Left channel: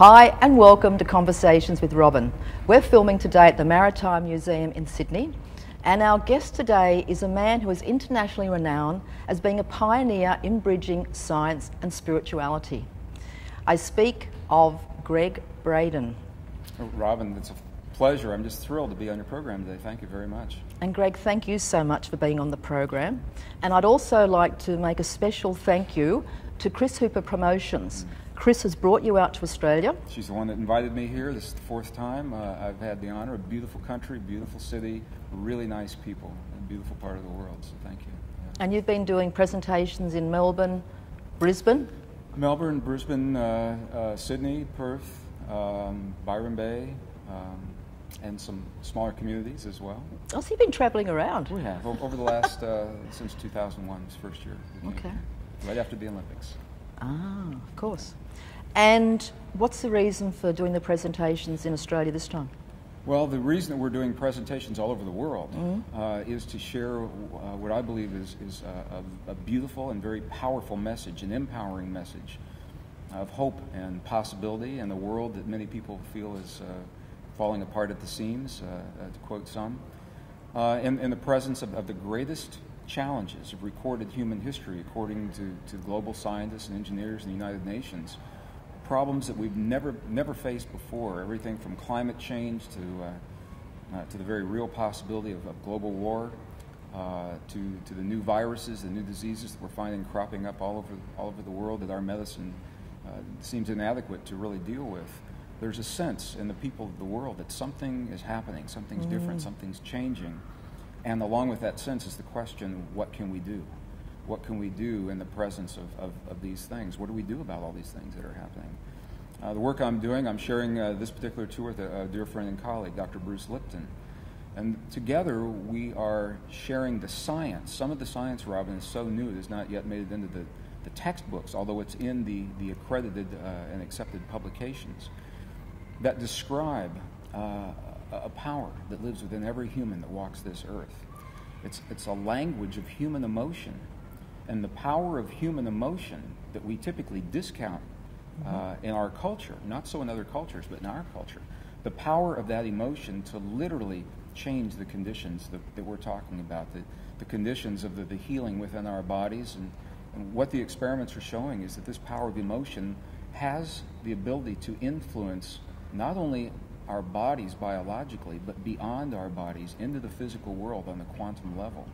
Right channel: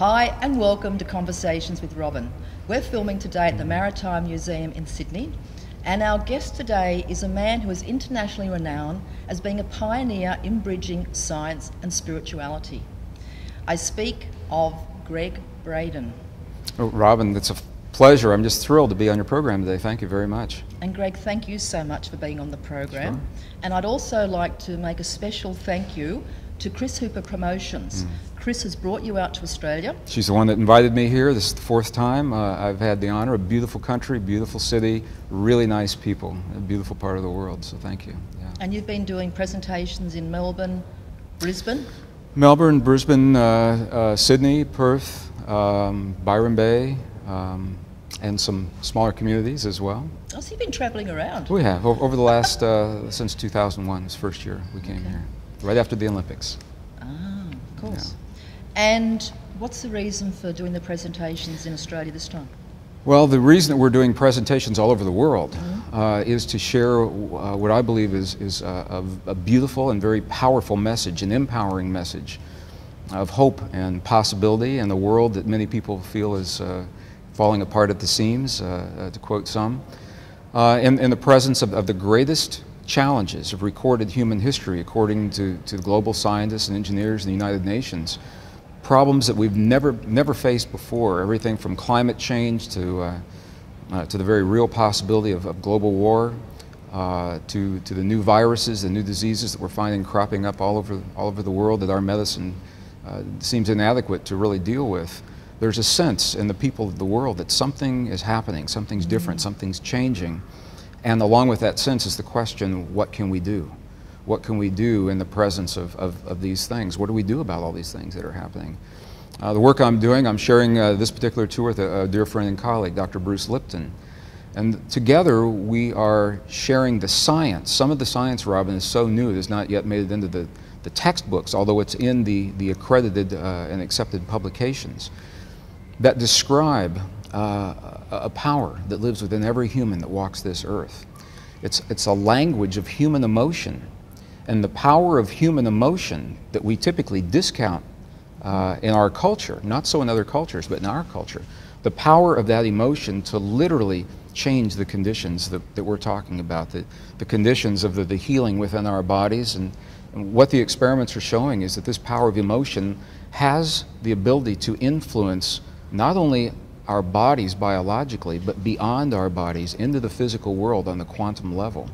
Hi and welcome to Conversations with Robyn. We're filming today at the Maritime Museum in Sydney, and our guest today is a man who is internationally renowned as being a pioneer in bridging science and spirituality. I speak of Gregg Braden. Oh, Robyn, it's a pleasure. I'm just thrilled to be on your program today. Thank you very much. And Gregg, thank you so much for being on the program. Sure. And I'd also like to make a special thank you to Chris Hooper Promotions. Chris has brought you out to Australia. She's the one that invited me here. This is the fourth time. I've had the honor. A beautiful country, beautiful city, really nice people, a beautiful part of the world, so thank you. Yeah. And you've been doing presentations in Melbourne, Brisbane? Melbourne, Brisbane, Sydney, Perth, Byron Bay, and some smaller communities as well. Oh, so you've been travelling around? We have, over the last, since 2001, this first year we came here, right after the Olympics. Ah, of course. Yeah. And what's the reason for doing the presentations in Australia this time? Well, the reason that we're doing presentations all over the world is to share what I believe is a beautiful and very powerful message, an empowering message of hope and possibility in a world that many people feel is falling apart at the seams, to quote some, in the presence of the greatest challenges of recorded human history, according to global scientists and engineers in the United Nations. Problems that we've never faced before, everything from climate change to the very real possibility of global war, to the new viruses, the new diseases that we're finding cropping up all over the world that our medicine seems inadequate to really deal with. There's a sense in the people of the world that something is happening, something's different, something's changing. And along with that sense is the question, what can we do? What can we do in the presence of these things? What do we do about all these things that are happening? The work I'm doing, I'm sharing this particular tour with a dear friend and colleague, Dr. Bruce Lipton. And together we are sharing the science. Some of the science, Robyn, is so new it has not yet made it into the textbooks, although it's in the accredited and accepted publications, that describe a power that lives within every human that walks this earth. It's a language of human emotion. And the power of human emotion that we typically discount in our culture, not so in other cultures, but in our culture, the power of that emotion to literally change the conditions that we're talking about, the conditions of the healing within our bodies. And what the experiments are showing is that this power of emotion has the ability to influence not only our bodies biologically, but beyond our bodies into the physical world on the quantum level.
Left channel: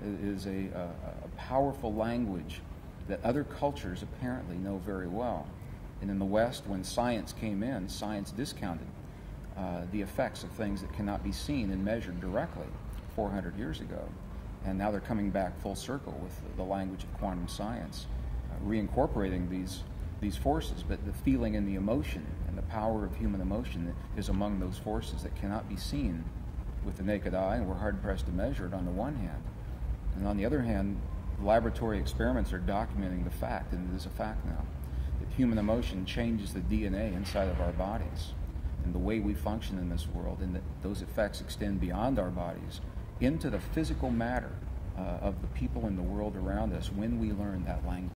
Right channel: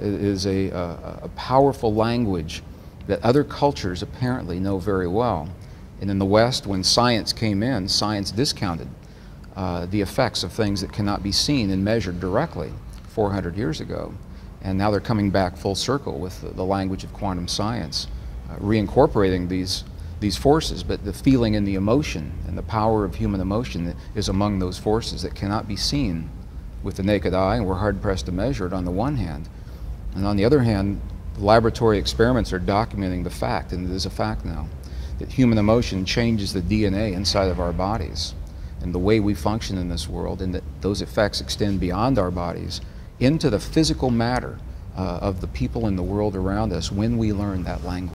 It is a powerful language that other cultures apparently know very well. And in the West, when science came in, science discounted the effects of things that cannot be seen and measured directly 400 years ago. And now they're coming back full circle with the language of quantum science, reincorporating these forces, but the feeling and the emotion and the power of human emotion is among those forces that cannot be seen with the naked eye, and we're hard-pressed to measure it on the one hand. And on the other hand, laboratory experiments are documenting the fact, and it is a fact now, that human emotion changes the DNA inside of our bodies and the way we function in this world, and that those effects extend beyond our bodies into the physical matter of the people in the world around us when we learn that language.